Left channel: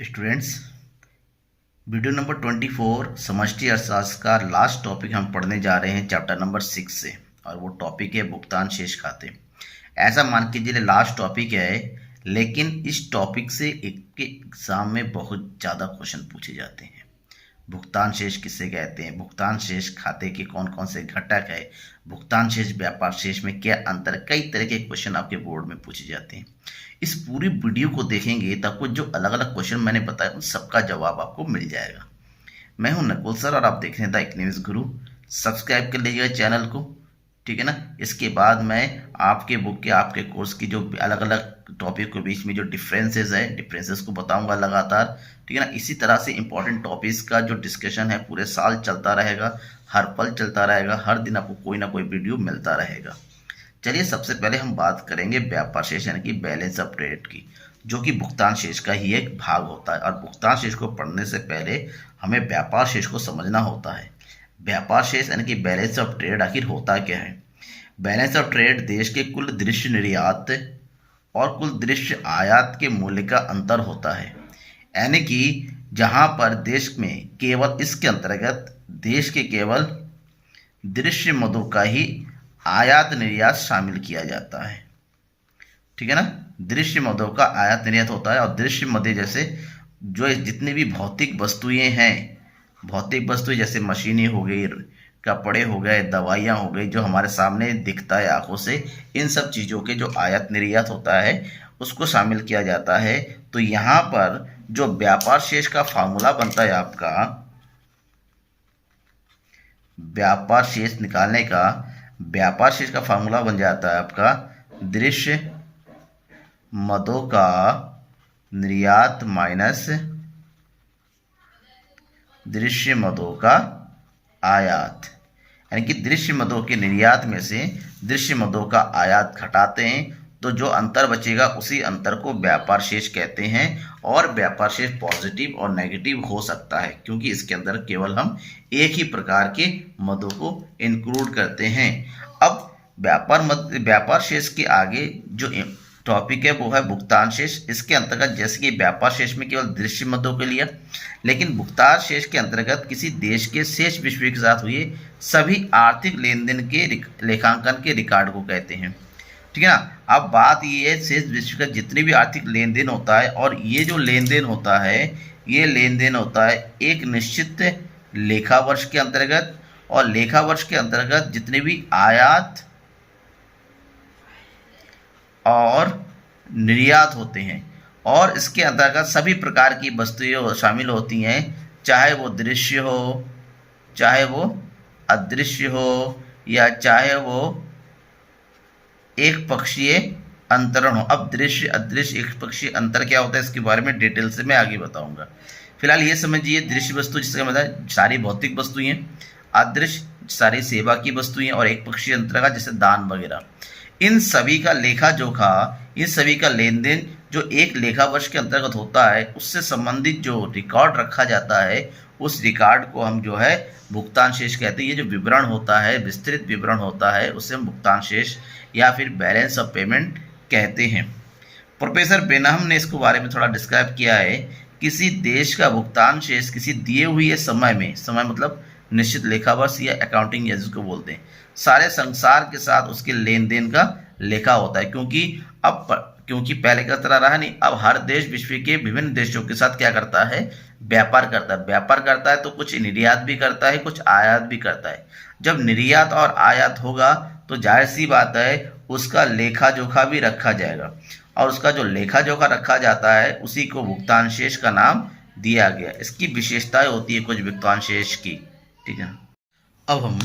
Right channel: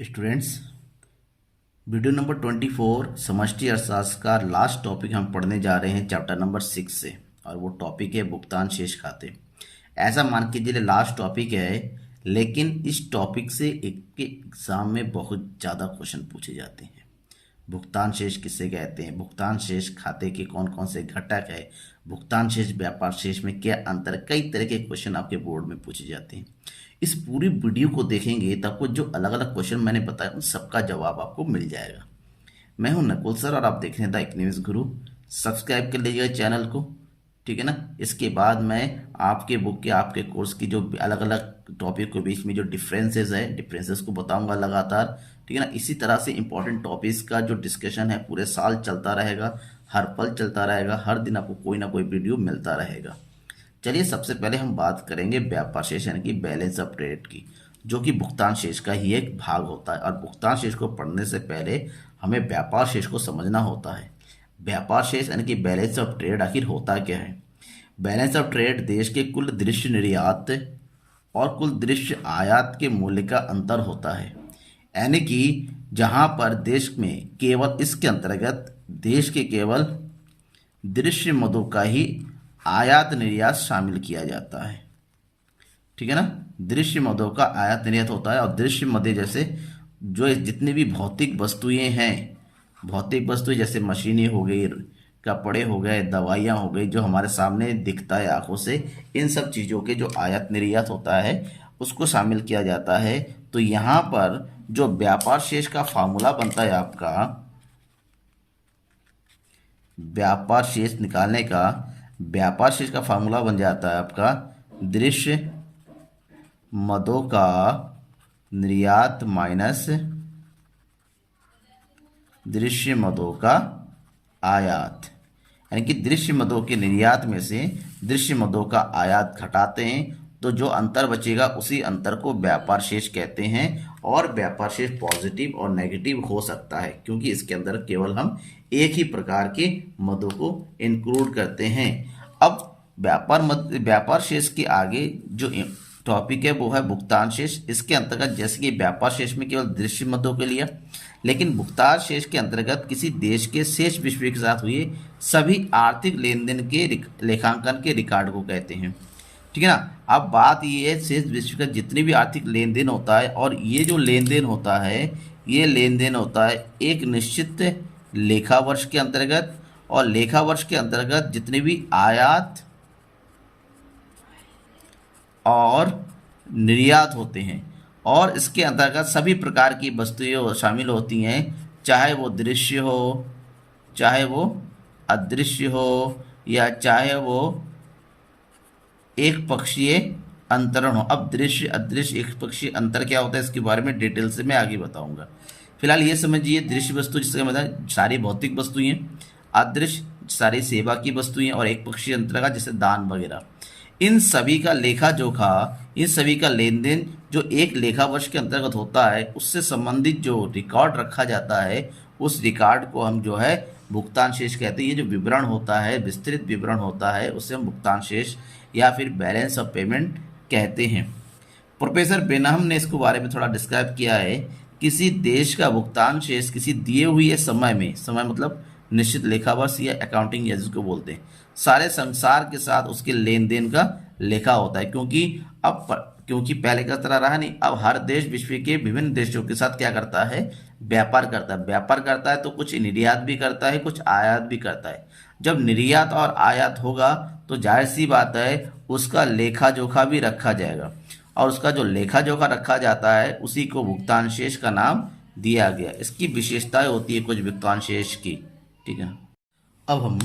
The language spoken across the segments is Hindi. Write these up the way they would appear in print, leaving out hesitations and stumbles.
स्टूडेंट्स, वीडियो नंबर 24 समष्टि अर्थशास्त्र का लास्ट टॉपिक हम पढ़ने जा रहे हैं चैप्टर नंबर 6 से। और वो टॉपिक है भुगतान शेष खाते। ऐसा मान के चलिए लास्ट टॉपिक है, लेकिन इस टॉपिक से एक एग्जाम में बहुत ज़्यादा क्वेश्चन पूछे जाते हैं। भुगतान शेष किसे कहते हैं, भुगतान शेष खाते के कौन कौन से घटक है, भुगतान शेष व्यापार शेष में क्या अंतर, कई तरह के क्वेश्चन आपके बोर्ड में पूछे जाते हैं। इस पूरी वीडियो को देखेंगे तो आपको जो अलग अलग क्वेश्चन मैंने बताया उन सबका जवाब आपको मिल जाएगा। मैं हूं नकुल सर और आप देख रहे हैं द इकोनॉमिक्स गुरु। सब्सक्राइब कर लीजिएगा चैनल को, ठीक है ना। इसके बाद मैं आपके बुक के आपके कोर्स की जो अलग अलग टॉपिक के बीच में जो डिफरेंसेस को बताऊंगा लगातार, ठीक है ना। इसी तरह से इंपॉर्टेंट टॉपिक्स का जो डिस्कशन है पूरे साल चलता रहेगा, हर पल चलता रहेगा, हर दिन आपको कोई ना कोई वीडियो मिलता रहेगा। चलिए सबसे पहले हम बात करेंगे व्यापार शेष यानी कि बैलेंस ऑफ ट्रेड की, जो कि भुगतान शेष का ही एक भाग होता है। और भुगतान शेष को पढ़ने से पहले हमें व्यापार शेष को समझना होता है। व्यापार शेष यानी कि बैलेंस ऑफ ट्रेड आखिर होता क्या है। बैलेंस ऑफ ट्रेड देश के कुल दृश्य निर्यात और कुल दृश्य आयात के मूल्य का अंतर होता है। यानी कि जहां पर देश में केवल इसके अंतर्गत देश के केवल दृश्य मदों का ही आयात निर्यात शामिल किया जाता है, ठीक है ना। दृश्य मदों का आयात निर्यात होता है। और दृश्य मदे जैसे जो जितनी भी भौतिक वस्तुएं हैं, भौतिक वस्तुएं जैसे मशीनें हो गई, कपड़े हो गए, दवाइयाँ हो गई, जो हमारे सामने दिखता है आंखों से, इन सब चीज़ों के जो आयात निर्यात होता है उसको शामिल किया जाता है। तो यहाँ पर जो व्यापार शेष का फार्मूला बनता है आपका, व्यापार शेष निकालने का व्यापार शेष का फार्मूला बन जाता है आपका दृश्य मदों का निर्यात माइनस दृश्य मदों का आयात। यानी कि दृश्य मदों के निर्यात में से दृश्य मदों का आयात घटाते हैं तो जो अंतर बचेगा उसी अंतर को व्यापार शेष कहते हैं। और व्यापार शेष पॉजिटिव और नेगेटिव हो सकता है क्योंकि इसके अंदर केवल हम एक ही प्रकार के मदों को इंक्लूड करते हैं। अब व्यापार शेष के आगे जो टॉपिक है वो है भुगतान शेष। इसके अंतर्गत जैसे कि व्यापार शेष में केवल दृश्य मदों के लिए, लेकिन भुगतान शेष के अंतर्गत किसी देश के शेष विश्व के साथ हुए सभी आर्थिक लेन देन के लेखांकन के रिकॉर्ड को कहते हैं, ठीक है ना। अब बात ये है शेष विश्व का जितने भी आर्थिक लेन देन होता है, और ये जो लेन देन होता है ये लेन देन होता है एक निश्चित लेखा वर्ष के अंतर्गत, और लेखा वर्ष के अंतर्गत जितने भी आयात और निर्यात होते हैं, और इसके अंतर्गत सभी प्रकार की वस्तुएं शामिल होती हैं, चाहे वो दृश्य हो, चाहे वो अदृश्य हो, या चाहे वो एक पक्षीय अंतरण हो। अब दृश्य अदृश्य एक पक्षीय अंतर क्या होता है इसके बारे में डिटेल से मैं आगे बताऊंगा। फिलहाल ये समझिए दृश्य वस्तु जिसका मतलब सारी भौतिक वस्तुएं, अदृश्य सारी सेवा की वस्तुएं, और एक पक्षीय अंतर का जैसे दान वगैरह। इन सभी का लेखा जोखा, इन सभी का लेन देन जो एक लेखा वर्ष के अंतर्गत होता है उससे संबंधित जो रिकॉर्ड रखा जाता है उस रिकॉर्ड को हम जो है भुगतान शेष कहते हैं। ये जो विवरण होता है, विस्तृत विवरण होता है, उसे हम भुगतान शेष या फिर बैलेंस ऑफ पेमेंट कहते हैं। प्रोफेसर बेनहम ने इसके बारे में थोड़ा डिस्क्राइब किया है। किसी देश का भुगतान शेष किसी दिए हुए समय में, समय मतलब निश्चित लेखा वर्ष या अकाउंटिंग या जिसको बोलते हैं, सारे संसार के साथ उसके लेन देन का लेखा होता है। क्योंकि पहले का तरह रहा नहीं, अब हर देश विश्व के विभिन्न देशों के साथ क्या करता है, व्यापार करता है तो कुछ निर्यात भी करता है, कुछ आयात भी करता है। जब निर्यात और आयात होगा तो जाहिर सी बात है उसका लेखा जोखा भी रखा जाएगा, और उसका जो लेखा जोखा रखा जाता है उसी को भुगतान शेष का नाम दिया गया। इसकी विशेषताएं होती है कुछ भुगतान शेष की, ठीक है। अब हम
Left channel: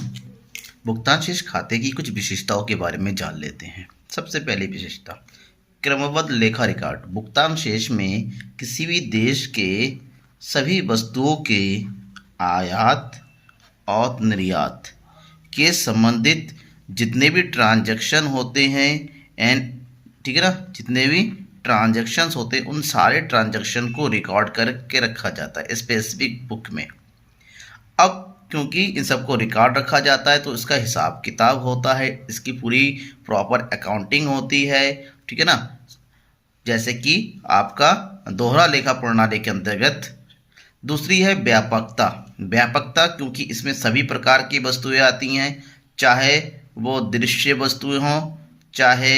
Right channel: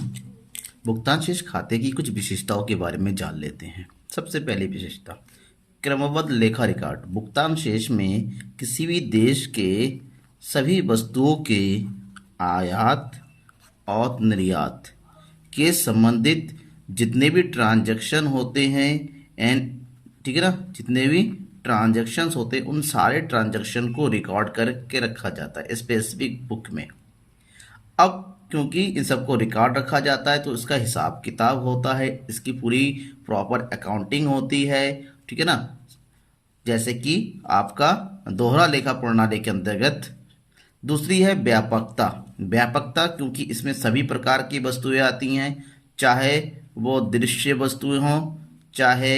भुगतान शेष खाते की कुछ विशेषताओं के बारे में जान लेते हैं। सबसे पहली विशेषता, क्रमबद्ध लेखा रिकॉर्ड। भुगतान शेष में किसी भी देश के सभी वस्तुओं के आयात और निर्यात के संबंधित जितने भी ट्रांजैक्शन होते हैं ठीक है ना, जितने भी ट्रांजैक्शंस होते हैं उन सारे ट्रांजैक्शन को रिकॉर्ड करके रखा जाता है स्पेसिफिक बुक में। अब क्योंकि इन सबको रिकॉर्ड रखा जाता है तो इसका हिसाब किताब होता है, इसकी पूरी प्रॉपर अकाउंटिंग होती है, ठीक है ना। जैसे कि आपका दोहरा लेखा प्रणाली के अंतर्गत। दूसरी है व्यापकता। व्यापकता क्योंकि इसमें सभी प्रकार की वस्तुएं आती हैं, चाहे वो दृश्य वस्तुएं हों, चाहे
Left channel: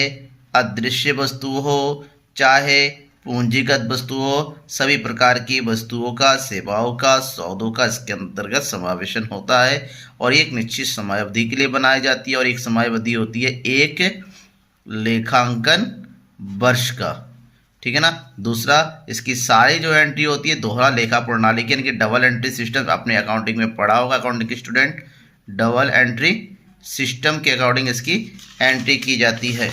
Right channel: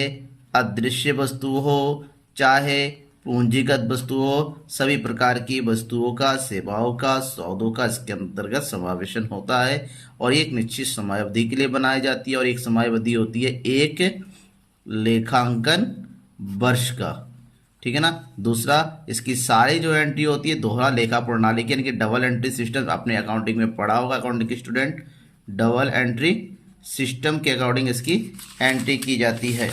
अदृश्य वस्तु हो, चाहे पूंजीगत वस्तु हो, सभी प्रकार की वस्तुओं का, सेवाओं का, सौदों का इसके अंतर्गत समावेशन होता है। और एक निश्चित समयावधि के लिए बनाई जाती है, और एक समयावधि होती है एक लेखांकन वर्ष का। ठीक है ना। दूसरा, इसकी सारी जो एंट्री होती है दोहरा लेखा प्रणाली की, यानी कि डबल एंट्री सिस्टम, अपने अकाउंटिंग में पढ़ा होगा अकाउंटिंग के स्टूडेंट, डबल एंट्री सिस्टम के अकॉर्डिंग इसकी एंट्री की जाती है।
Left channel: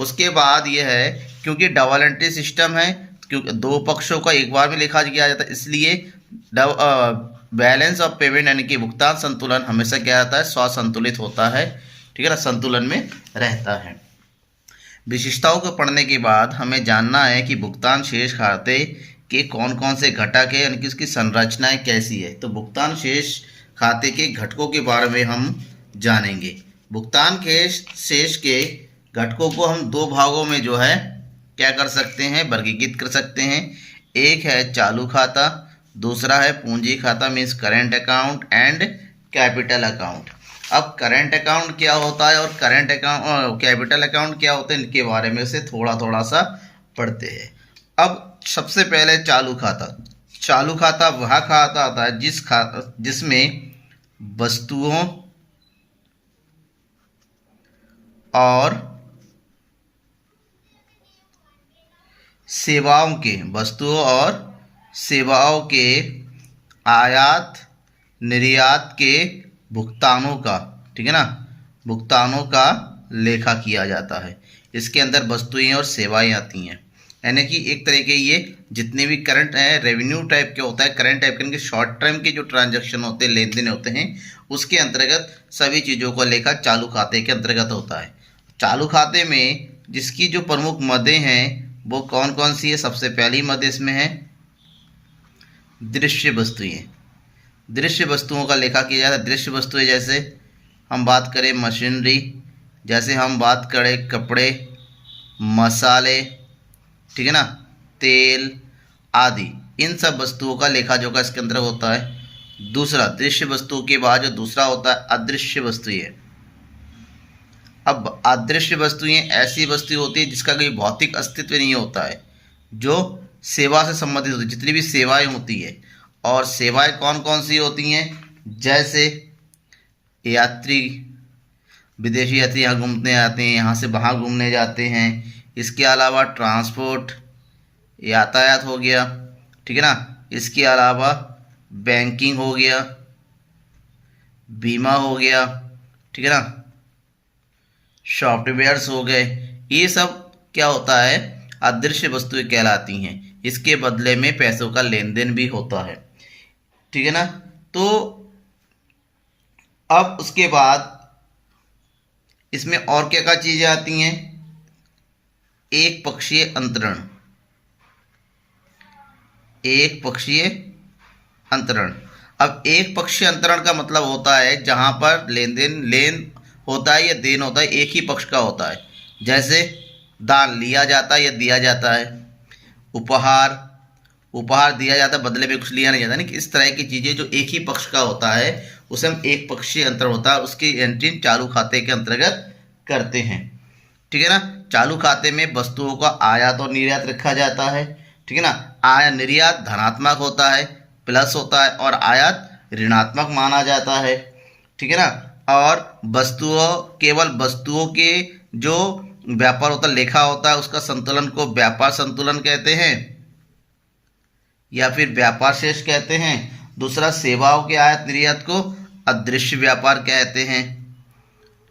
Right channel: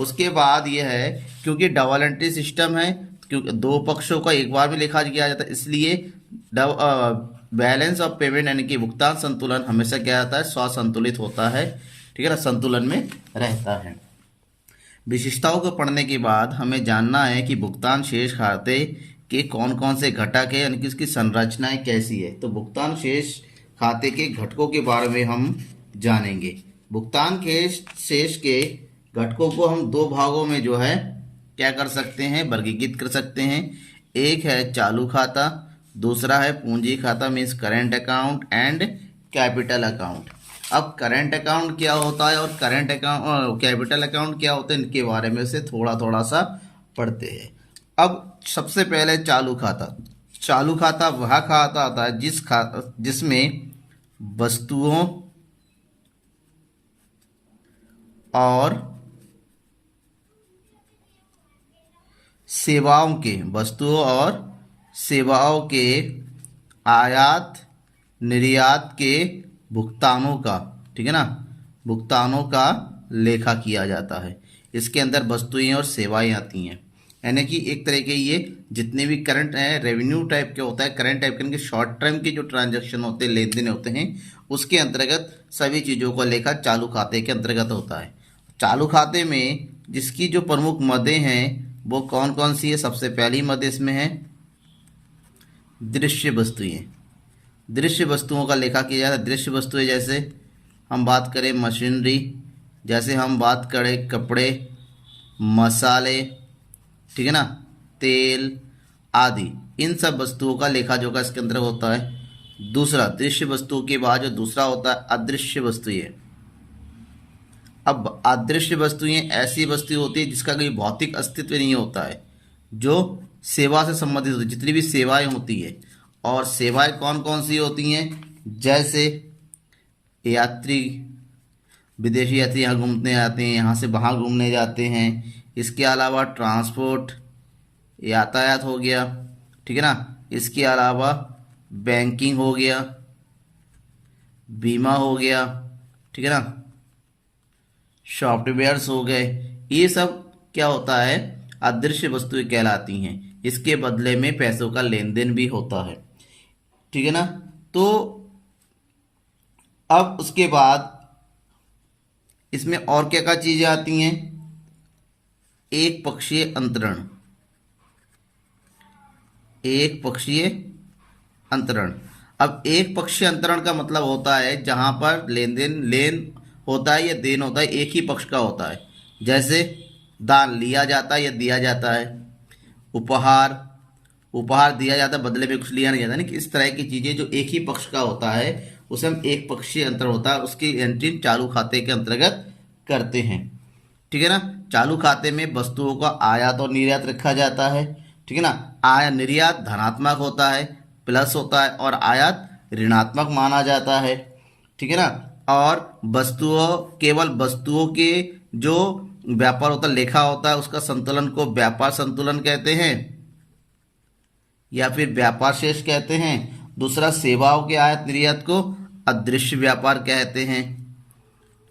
उसके बाद यह है, क्योंकि डबल एंट्री सिस्टम है, क्योंकि दो पक्षों का एक बार में लिखा किया जाता है, इसलिए बैलेंस ऑफ पेमेंट यानी कि भुगतान संतुलन हमेशा क्या रहता है, स्वसंतुलित होता है। ठीक है ना, संतुलन में रहता है। विशेषताओं को पढ़ने के बाद हमें जानना है कि भुगतान शेष खाते के कौन कौन से घटक है, यानी कि उसकी संरचनाएं कैसी है। तो भुगतान शेष खाते के घटकों के बारे में हम जानेंगे। भुगतान शेष के घटकों को हम दो भागों में जो है क्या कर सकते हैं, वर्गीकृत कर सकते हैं। एक है चालू खाता, दूसरा है पूंजी खाता, means current account and capital account. अब करेंट अकाउंट क्या होता है और करेंट अकाउंट कैपिटल अकाउंट क्या होते हैं, इनके बारे में से थोड़ा थोड़ा सा पढ़ते हैं। अब सबसे पहले चालू खाता। चालू खाता वह खाता आता है जिसमें वस्तुओं और सेवाओं के आयात निर्यात के भुगतानों का, ठीक है ना, भुगतानों का लेखा किया जाता है। इसके अंदर वस्तुएं और सेवाएं आती हैं, यानी कि एक तरह के ये जितने भी करंट है रेवेन्यू टाइप के होता है, करंट टाइप के शॉर्ट टर्म के जो ट्रांजैक्शन होते हैं, लेन देन होते हैं, उसके अंतर्गत सभी चीज़ों का लेखा चालू खाते के अंतर्गत होता है। चालू खाते में जिसकी जो प्रमुख मदें हैं वो कौन कौन सी है। सबसे पहली मद इसमें है दृश्य वस्तुएं। दृश्य वस्तुओं का लेखा किया जाता है। दृश्य वस्तुएं जैसे हम बात करें मशीनरी, जैसे हम बात करें कपड़े, मसाले, ठीक है ना, तेल आदि, इन सब वस्तुओं का लेखा जोखा इसके अंदर होता है। दूसरा, दृश्य वस्तुओं के बाद जो दूसरा होता है अदृश्य वस्तुएं। अब अदृश्य वस्तुएं ऐसी वस्तु होती है जिसका कोई भौतिक अस्तित्व नहीं होता है, जो सेवा से संबंधित होती है, जितनी भी सेवाएं होती है। और सेवाएं कौन कौन सी होती हैं, जैसे यात्री, विदेशी यात्री यहाँ घूमने आते हैं, यहाँ से वहाँ घूमने जाते हैं। इसके अलावा ट्रांसपोर्ट, यातायात हो गया, ठीक है ना। इसके अलावा बैंकिंग हो गया, बीमा हो गया, ठीक है ना, सॉफ्टवेयर्स हो गए। ये सब क्या होता है, अदृश्य वस्तुएं कहलाती हैं। इसके बदले में पैसों का लेन देन भी होता है, ठीक है ना। तो अब उसके बाद इसमें और क्या क्या चीज़ें आती हैं, एक पक्षीय अंतरण। एक पक्षीय अंतरण। अब एक पक्षीय अंतरण का मतलब होता है जहां पर लेन होता है या देन होता है, एक ही पक्ष का होता है। जैसे दान लिया जाता है या दिया जाता है, उपहार दिया जाता है, बदले में कुछ लिया नहीं जाता। नहीं, इस तरह की चीज़ें जो एक ही पक्ष का होता है उसे हम एक पक्षीय अंतरण होता है, उसकी एंट्री चालू खाते के अंतर्गत करते हैं, ठीक है ना। चालू खाते में वस्तुओं का आयात और निर्यात रखा जाता है, ठीक है ना। निर्यात धनात्मक होता है, प्लस होता है, और आयात ऋणात्मक माना जाता है, ठीक है ना। और केवल वस्तुओं के जो व्यापार होता है, लेखा होता है, उसका संतुलन को व्यापार संतुलन कहते हैं या फिर व्यापार शेष कहते हैं। दूसरा, सेवाओं के आयात निर्यात को अदृश्य व्यापार कहते हैं,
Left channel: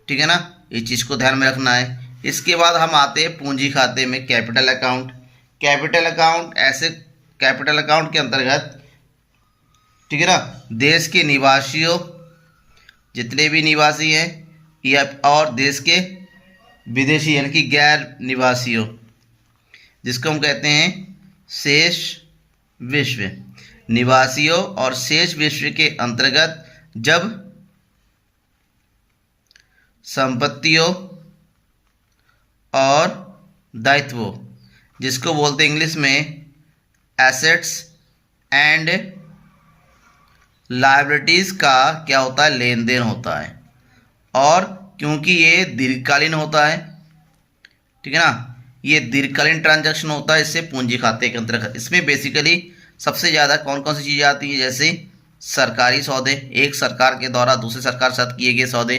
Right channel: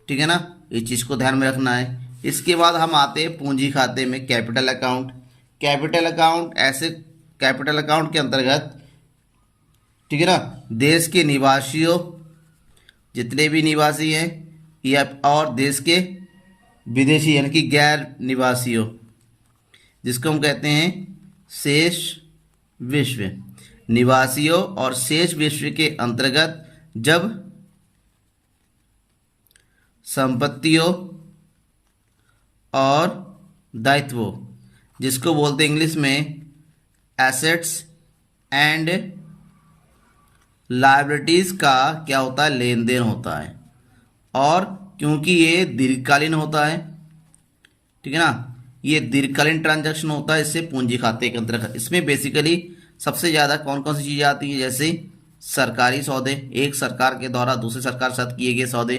ठीक है ना। ये चीज़ को ध्यान में रखना है। इसके बाद हम आते हैं पूंजी खाते में, कैपिटल अकाउंट। कैपिटल अकाउंट के अंतर्गत, ठीक है ना, देश के निवासियों, जितने भी निवासी हैं, या और देश के विदेशी यानी कि गैर निवासियों, जिसको हम कहते हैं शेष विश्व। निवासियों और शेष विश्व के अंतर्गत जब संपत्तियों और दायित्वों जिसको बोलते हैं इंग्लिश में एसेट्स एंड लायबिलिटीज़ का क्या होता है, लेन देन होता है। और क्योंकि ये दीर्घकालीन होता है, ठीक है ना, ये दीर्घकालीन ट्रांजैक्शन होता है, इससे पूंजी खाते के अंतर्गत इसमें बेसिकली सबसे ज़्यादा कौन कौन सी चीज़ें आती हैं, जैसे सरकारी सौदे, एक सरकार के द्वारा दूसरे सरकार के साथ किए गए सौदे,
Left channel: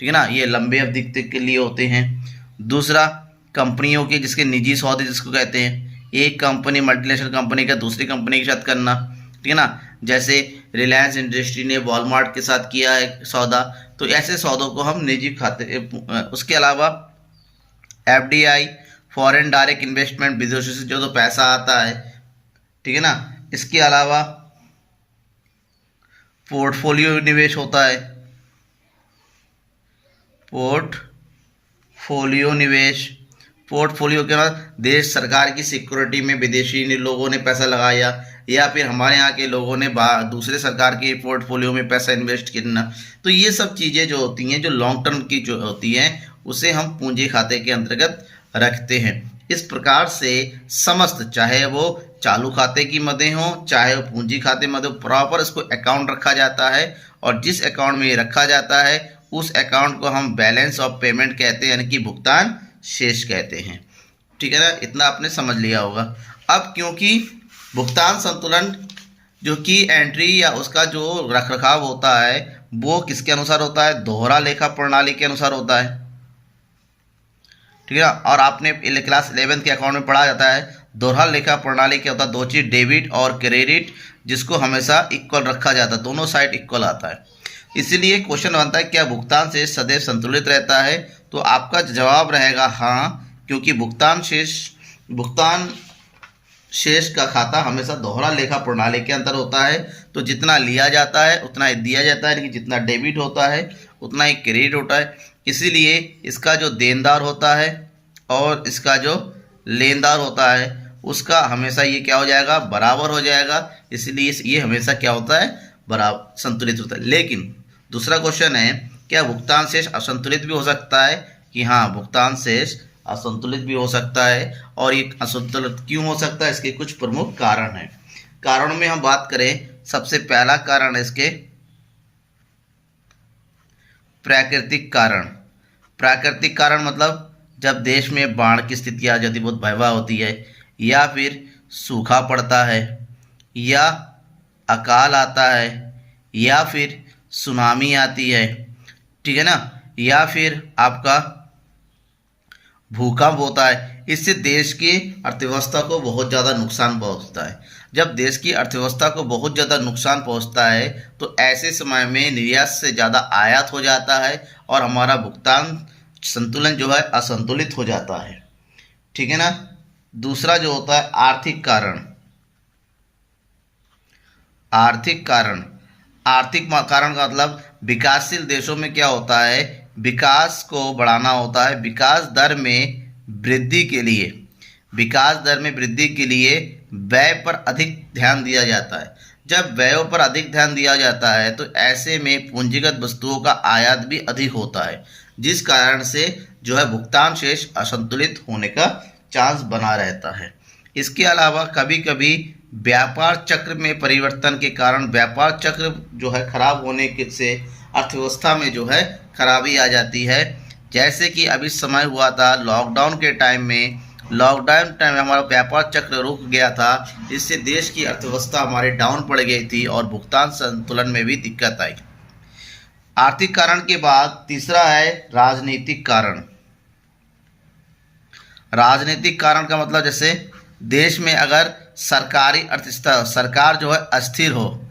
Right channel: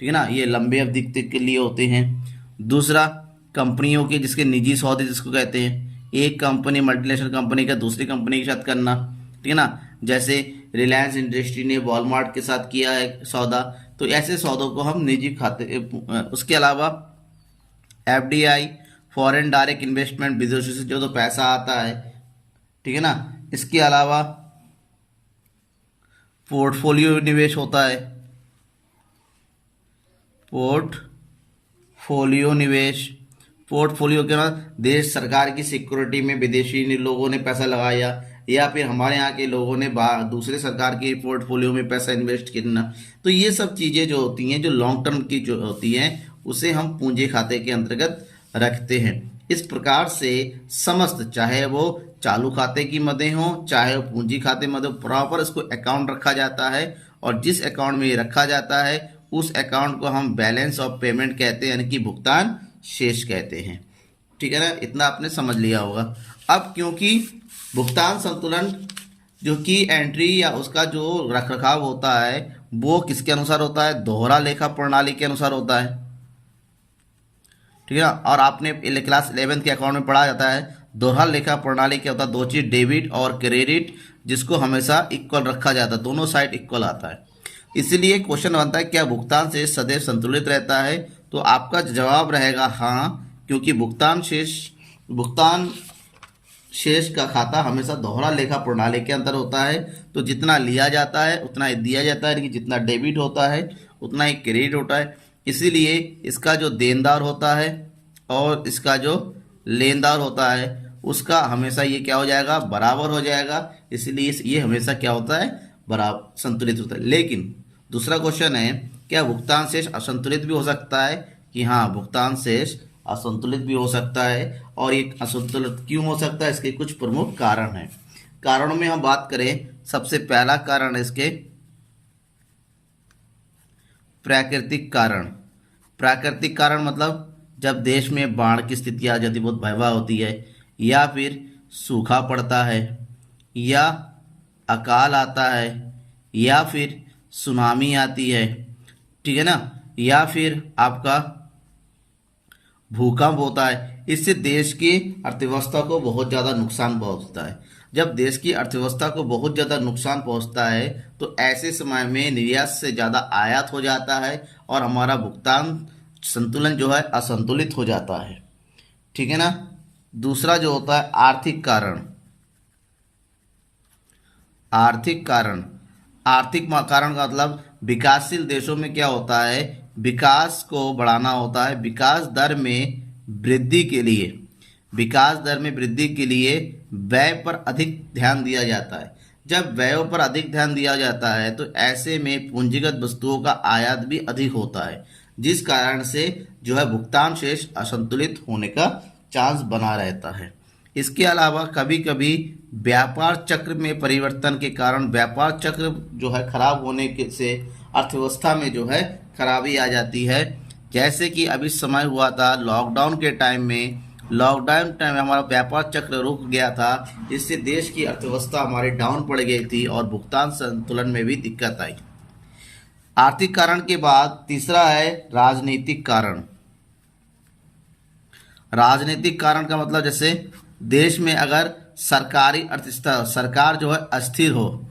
ठीक है ना, ये लंबे अवधि के लिए होते हैं। दूसरा कंपनियों के जिसके निजी सौदे जिसको कहते हैं, एक कंपनी मल्टीनेशनल कंपनी का दूसरी कंपनी के साथ करना, ठीक है ना, जैसे रिलायंस इंडस्ट्री ने वॉलमार्ट के साथ किया है सौदा, तो ऐसे सौदों को हम निजी खाते। उसके अलावा एफडीआई, फॉरेन डायरेक्ट इन्वेस्टमेंट, विदेशों से जो तो पैसा आता है, ठीक है ना, इसके अलावा पोर्टफोलियो निवेश होता है, पोर्टफोलियो निवेश, पोर्टफोलियो के बाद देश सरकार की सिक्योरिटी में विदेशी लोगों ने पैसा लगाया, या फिर हमारे यहाँ के लोगों ने दूसरे सरकार के पोर्टफोलियो में पैसा इन्वेस्ट करना। तो ये सब चीज़ें जो होती हैं, जो लॉन्ग टर्म की जो होती हैं, उसे हम पूंजी खाते के अंतर्गत रखते हैं। इस प्रकार से समस्त, चाहे वो चालू खाते की मदें हों, चाहे वो पूंजी खाते मदें, प्रॉपर इसको अकाउंट रखा जाता है, और जिस अकाउंट में ये रखा जाता है उस अकाउंट को हम बैलेंस ऑफ पेमेंट कहते हैं, यानी कि भुगतान शेष कहते हैं। ठीक है ना, इतना आपने समझ लिया होगा। अब क्योंकि भुगतान संतुलन जो की एंट्री या उसका जो रखरखाव होता है वो किसके अनुसार होता है, दोहरा लेखा प्रणाली के अनुसार होता है, ठीक है ना। और आपने क्लास 11 के अकाउंट में पढ़ा जाता है दोहरा लेखा प्रणाली क्या होता है, दो चीज डेबिट और क्रेडिट, जिसको हमेशा इक्वल रखा जाता है, दोनों साइड इक्वल आता है। इसीलिए क्वेश्चन बनता है क्या भुगतान शेष सदैव संतुलित रहता है, तो आपका जवाब रहेगा हाँ, क्योंकि भुगतान शेष का खाता हमेशा दोहरा लेखा प्रणाली के अंतर होता है। तो जितना लिया जाता है उतना ही दिया जाता है, लेकिन जितना डेबिट होता है उतना ही क्रेडिट होता है। इसीलिए इसका जो देनदार होता है और इसका जो लेनदार होता है उसका हमेशा ये क्या हो जाएगा, बराबर हो जाएगा। इसलिए ये हमेशा क्या होता है, बराबर संतुलित होता है। लेकिन दूसरा क्वेश्चन है क्या भुगतान शेष असंतुलित भी हो सकता है, कि हाँ भुगतान शेष असंतुलित भी हो सकता है। और ये असंतुलित क्यों हो सकता है, इसके कुछ प्रमुख कारण हैं। कारणों में हम बात करें, सबसे पहला कारण है इसके प्राकृतिक कारण। प्राकृतिक कारण मतलब जब देश में बाढ़ की स्थिति आ जाती, बहुत भयावह होती है, या फिर सूखा पड़ता है, या अकाल आता है, या फिर सुनामी आती है, ठीक है ना, या फिर आपका भूकंप होता है। इससे देश की अर्थव्यवस्था को बहुत ज़्यादा नुकसान पहुंचता है। जब देश की अर्थव्यवस्था को बहुत ज़्यादा नुकसान पहुंचता है तो ऐसे समय में निर्यात से ज़्यादा आयात हो जाता है और हमारा भुगतान संतुलन जो है असंतुलित हो जाता है, ठीक है ना। दूसरा जो होता है आर्थिक कारण। आर्थिक कारण का मतलब विकासशील देशों में क्या होता है, विकास को बढ़ाना होता है। विकास दर में वृद्धि के लिए व्यय पर अधिक ध्यान दिया जाता है। जब व्ययों पर अधिक ध्यान दिया जाता है तो ऐसे में पूंजीगत वस्तुओं का आयात भी अधिक होता है, जिस कारण से जो है भुगतान शेष असंतुलित होने का चांस बना रहता है। इसके अलावा कभी कभी व्यापार चक्र में परिवर्तन के कारण व्यापार चक्र जो है खराब होने के से अर्थव्यवस्था में जो है खराबी आ जाती है। जैसे कि अभी समय हुआ था लॉकडाउन के टाइम में, हमारा व्यापार चक्र रुक गया था, इससे देश की अर्थव्यवस्था हमारी डाउन पड़ गई थी और भुगतान संतुलन में भी दिक्कत आई। आर्थिक कारण के बाद तीसरा है राजनीतिक कारण। राजनीतिक कारण का मतलब जैसे देश में अगर सरकारी अर्थव्यवस्था, सरकार जो है अस्थिर हो,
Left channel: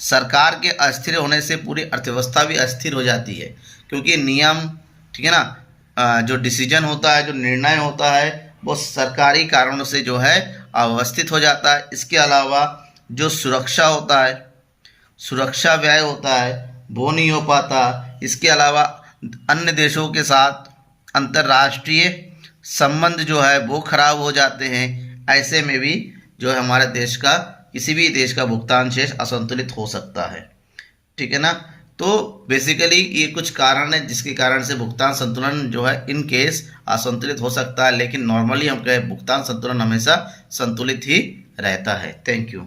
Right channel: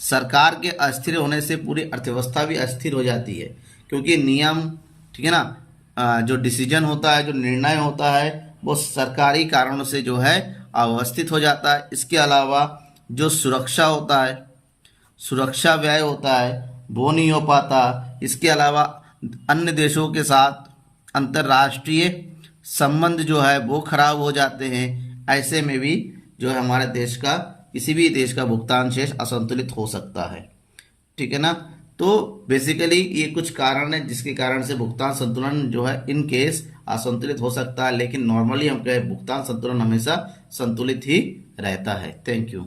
सरकार के अस्थिर होने से पूरी अर्थव्यवस्था भी अस्थिर हो जाती है, क्योंकि नियम, ठीक है ना, जो डिसीजन होता है, जो निर्णय होता है वो सरकारी कारणों से जो है अव्यवस्थित हो जाता है। इसके अलावा जो सुरक्षा होता है, सुरक्षा व्यय होता है वो नहीं हो पाता। इसके अलावा अन्य देशों के साथ अंतर्राष्ट्रीय संबंध जो है वो खराब हो जाते हैं। ऐसे में भी जो है हमारे देश का, किसी भी देश का भुगतान शेष असंतुलित हो सकता है, ठीक है ना। तो बेसिकली ये कुछ कारण है जिसके कारण से भुगतान संतुलन जो है इन केस असंतुलित हो सकता है, लेकिन नॉर्मली हम कहें भुगतान संतुलन हमेशा संतुलित ही रहता है। Thank you.